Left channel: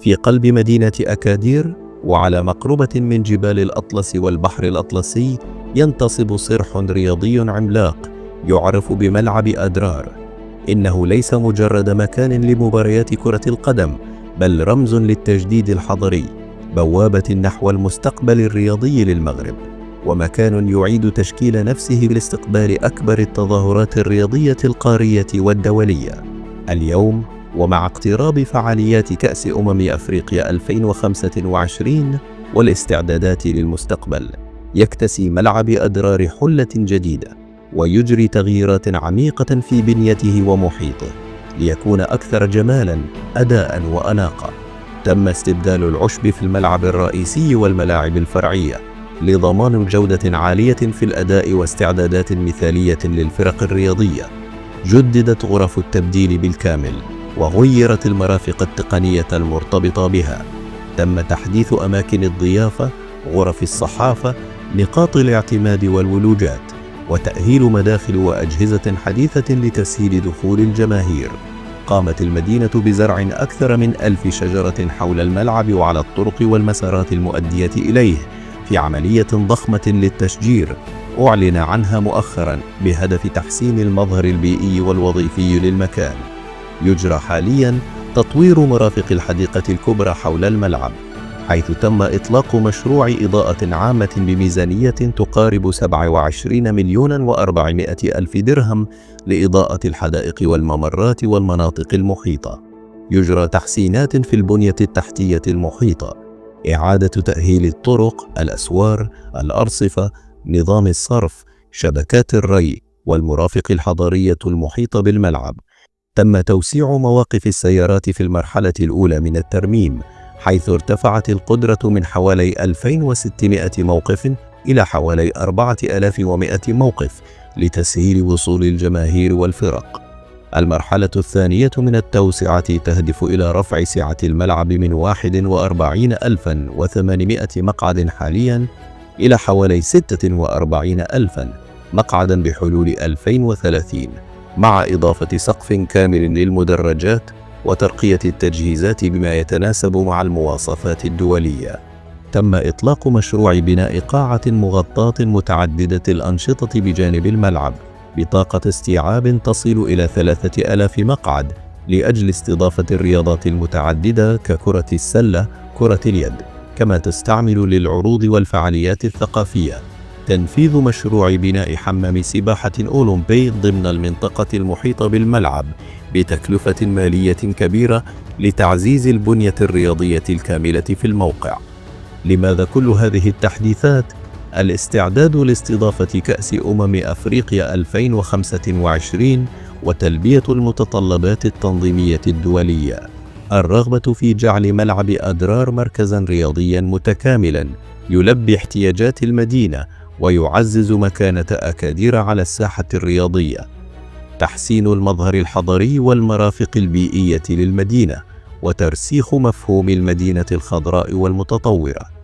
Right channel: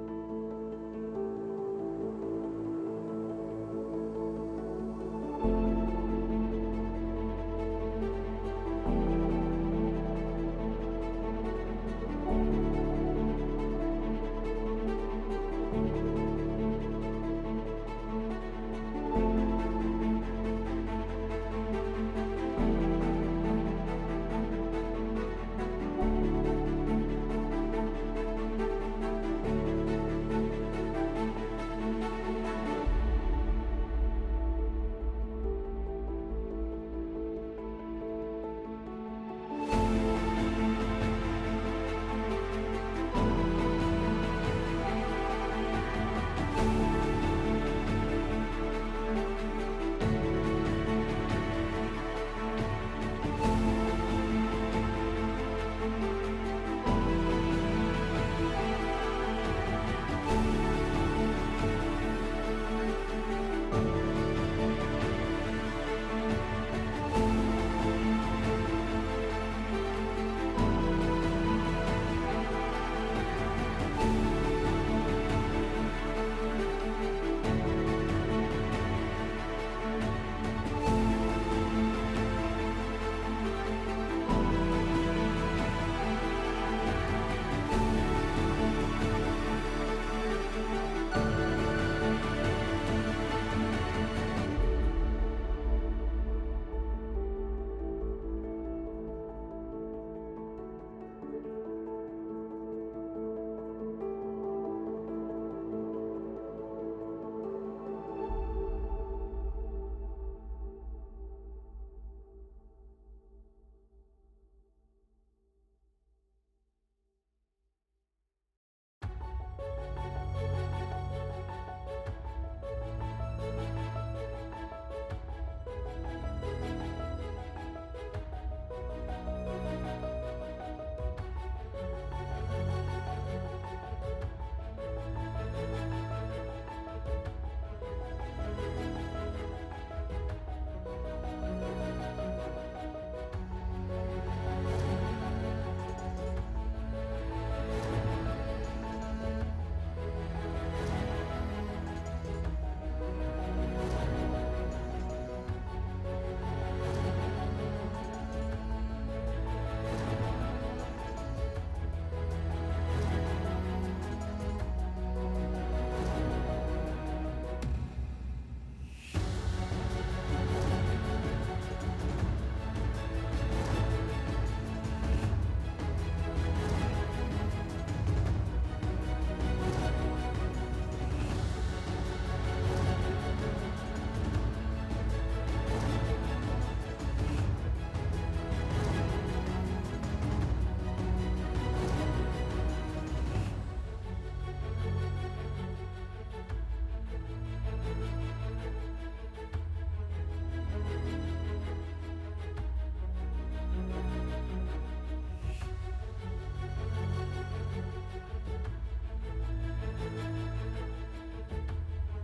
في قلب مدينة أكادير وعلى مقربة من جبال الأطلس والبحر الأطلسي ينتصب صرح رياضي عملاق يعرف بملعب أدرار. إنه ليس مجرد مكان لمباريات كرة القدم، بل رمز للتجديد الحضري، بوابة نحو المستقبل الرياضي للمغرب، ومكان يعيد تشكيل نفسه لاستقبال أكبر التظاهرات الرياضية القارية والدولية. اليوم، ومع اقتراب فعاليات كأس أفريقيا 2025 والاستعدادات للمستقبل، يكتسي ملعب أدرار حلة جديدة ويجري تغييرات عميقة في بنيته ومحيطه ليكون أكثر جمالاً، أداءً وأناقة. تم استبدال العشب في الملعب الرئيسي والملاعب الفرعية لضمان جودة عالية في الأداء واستعدادات مثالية للفرق الرياضية. جددت غرف التبديل بالكامل وغيرت المرافق التقنية المرتبطة بها. تم تحديث أماكن الضيافة، غرف الصحافة، نقاط الاعتماد والولوجات، وتأهيل مداخل وأجهزة حديثة لتسهيل دخول الجماهير. قامت المدينة بزرع أكثر من 1000 شجرة حول الملعب وعلى الطرق والمسارات المؤدية إليه في عملية ضخمة للتشجير أعلن عنها مؤخرا بهدف تحسين المظهر البيئي والوظيفي للمكان. يجرى حاليا تطوير مرافق الحديقة الكبرى حول الملعب، حيث تم إطلاق مشروع إضاءة عامة بميزانية تقارب 27,400,000 درهم لإضاءة الحدائق والممرات والمناطق المحيطة. يجرى تحسينات في البنية التحتية المحيطة، إعادة تأهيل الطرق، الأسوار، الأرصفة، نظام الصرف، شبكات الري، والمرافق الحضرية المحيطة بالملعب. تم توسيع مواقف السيارات في المرحلة الأولى من الترميم، حيث ارتفعت القدرة من حوالي 2600 موقف إلى حوالي 4100 موقف لتسهيل وصول الجماهير والفرق. المرحلة الثانية من التوسعة تهدف إلى رفع سعة الملعب من 41,800 مقعد حالياً إلى حوالي 46,000 مقعداً بحلول 2030، مع إضافة سقف كامل للمدرجات وترقية التجهيزات بما يتناسب مع المواصفات الدولية. تم إطلاق مشروع بناء قاعة مغطاة متعددة الأنشطة بجانب الملعب بطاقة استيعاب تصل إلى 3000 مقعد لأجل استضافة الرياضات المتعددة ككرة السلة، كرة اليد، كما تستعمل للعروض والفعاليات الثقافية. تنفيذ مشروع بناء حمام سباحة أولمبي ضمن المنطقة المحيطة بالملعب بتكلفة مالية كبيرة لتعزيز البنية الرياضية الكاملة في الموقع. لماذا كل هذه التحديثات؟ الاستعداد لاستضافة كأس أفريقيا 2025 وتلبية المتطلبات التنظيمية الدولية. الرغبة في جعل ملعب أدرار مركزاً رياضياً متكاملاً يلبي احتياجات المدينة ويعزز مكانة أكادير على الساحة الرياضية. تحسين المظهر الحضري والمرافق البيئية للمدينة، وترسيخ مفهوم المدينة الخضراء والمتطورة.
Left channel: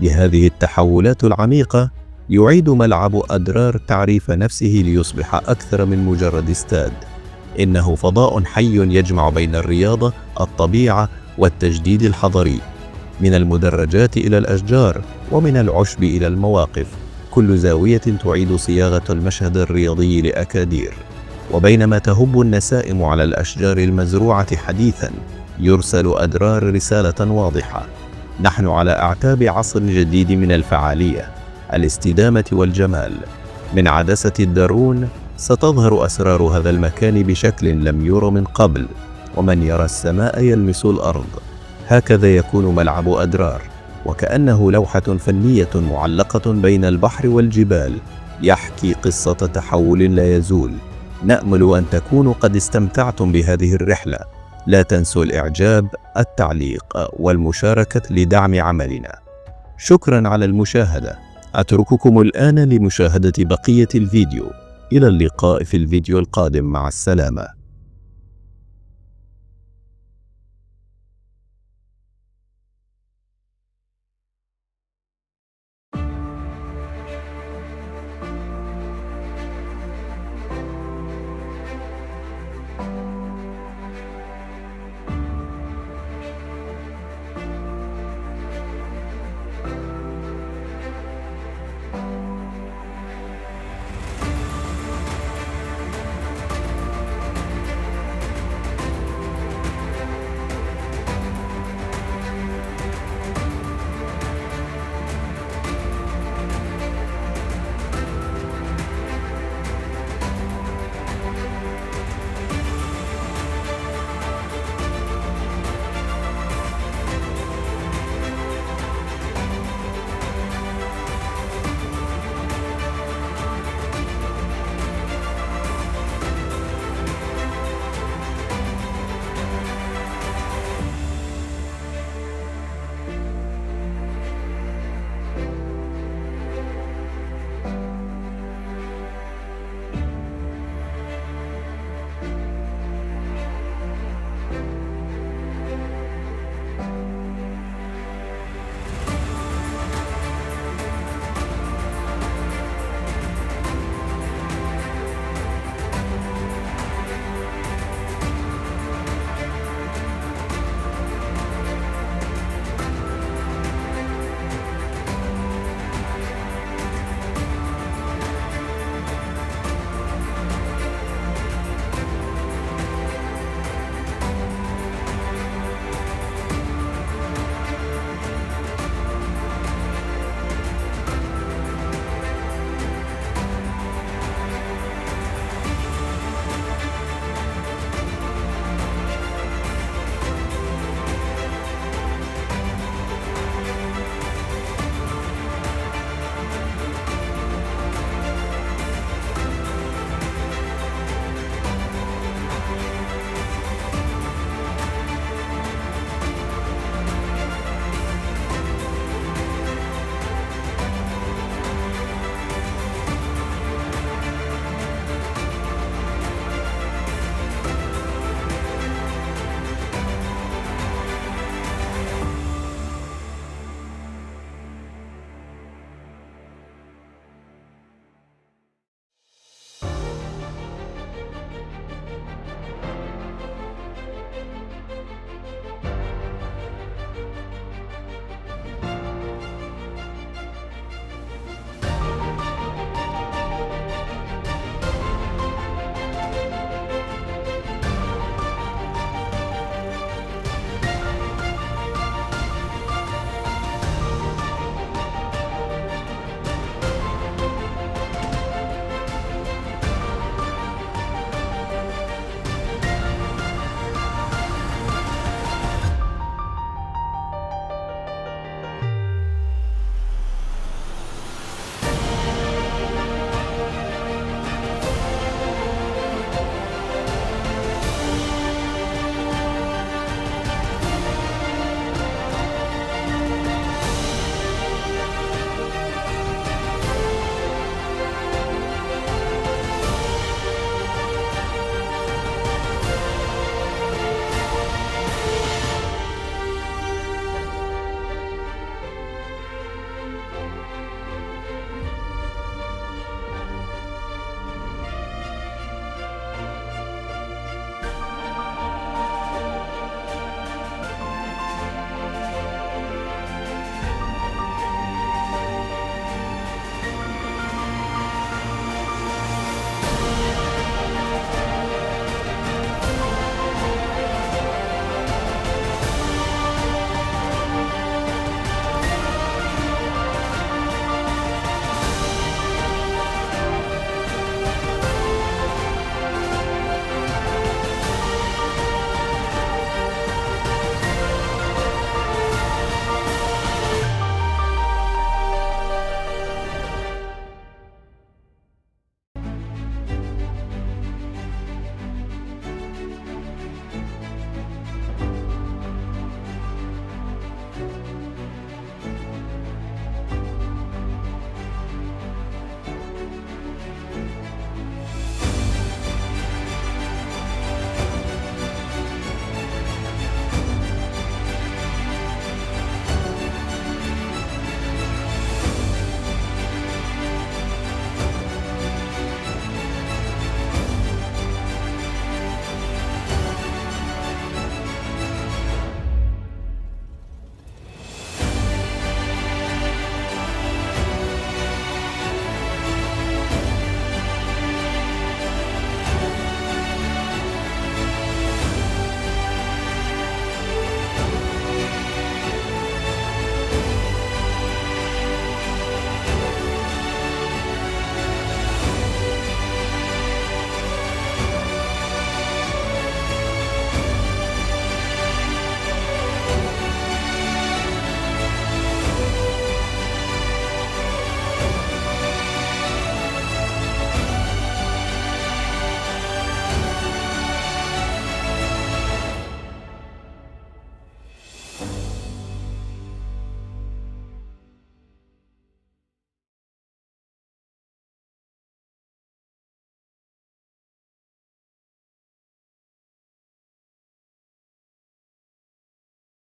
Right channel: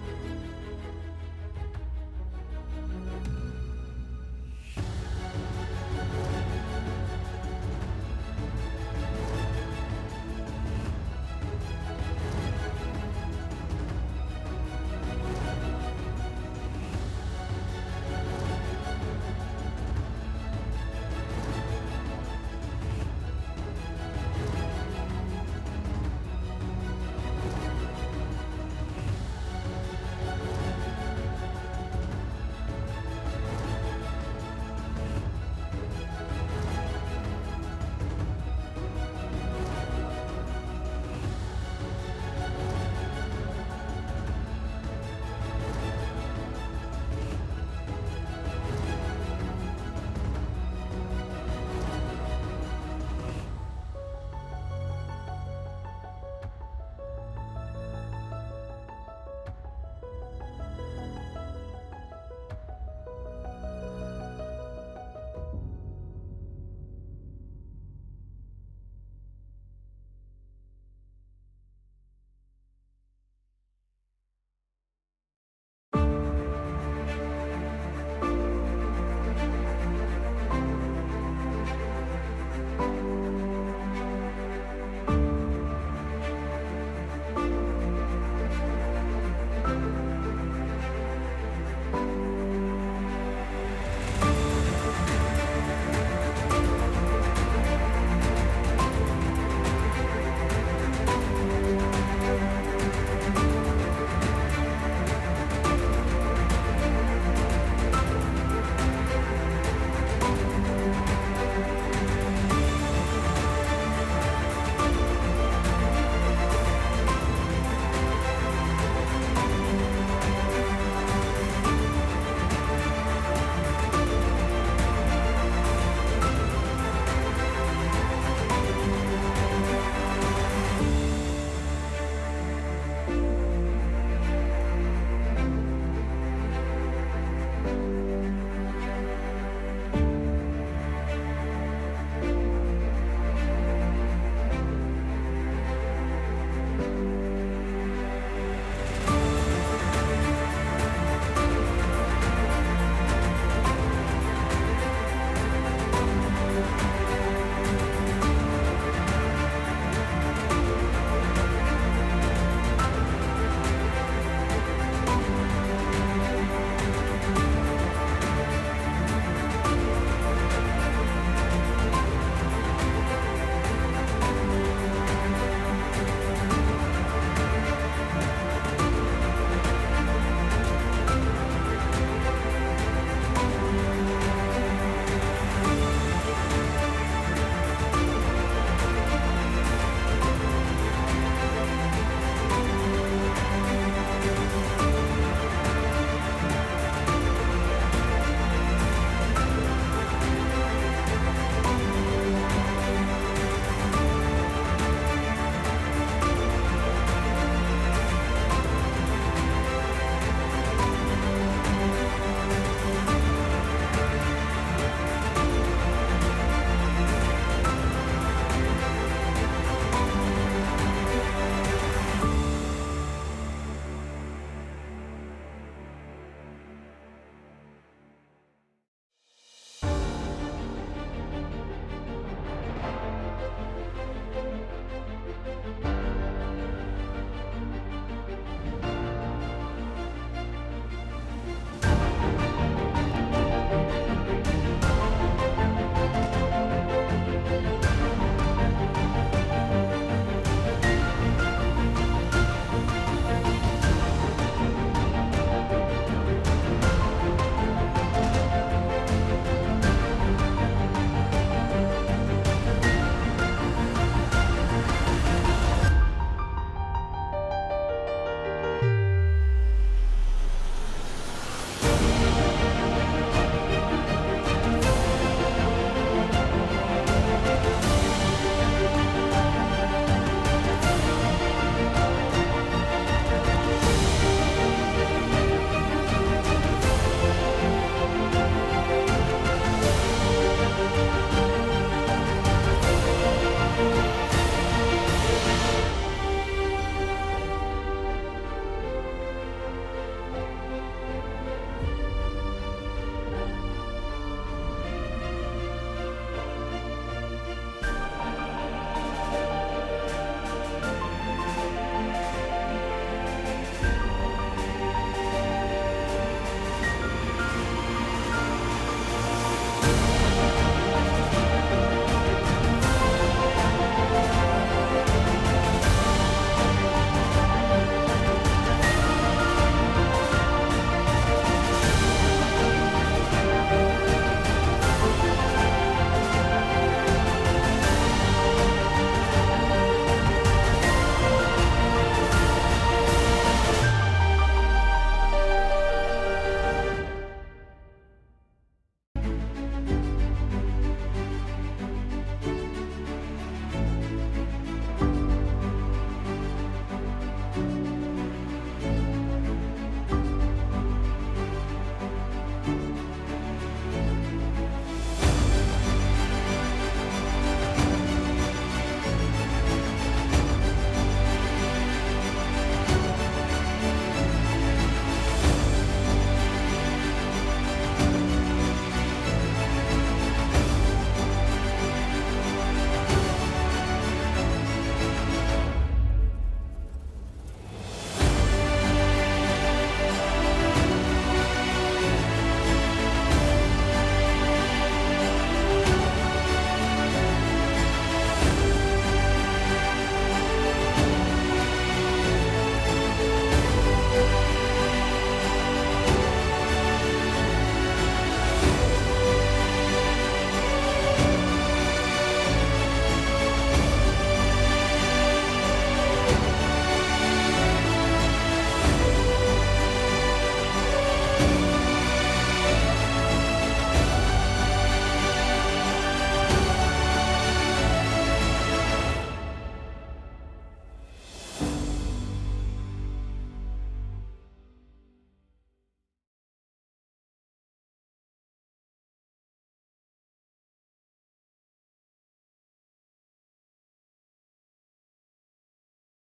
بهذه التحولات العميقة يعيد ملعب أدرار تعريف نفسه ليصبح أكثر من مجرد استاد. إنه فضاء حي يجمع بين الرياضة، الطبيعة، والتجديد الحضري. من المدرجات إلى الأشجار، ومن العشب إلى المواقف، كل زاوية تعيد صياغة المشهد الرياضي لأكادير. وبينما تهب النسائم على الأشجار المزروعة حديثاً، يرسل أدرار رسالة واضحة: نحن على أعتاب عصر جديد من الفعالية، الاستدامة والجمال. من عدسة الدرون ستظهر أسرار هذا المكان بشكل لم ير من قبل، ومن يرى السماء يلمس الأرض. هكذا يكون ملعب أدرار، وكأنه لوحة فنية معلقة بين البحر والجبال، يحكي قصة تحول لا يزول. نأمل أن تكونوا قد استمتعتم بهذه الرحلة. لا تنسوا الإعجاب، التعليق، والمشاركة لدعم عملنا. شكرا على المشاهدة. أترككم الآن لمشاهدة بقية الفيديو. إلى اللقاء في الفيديو القادم، مع السلامة.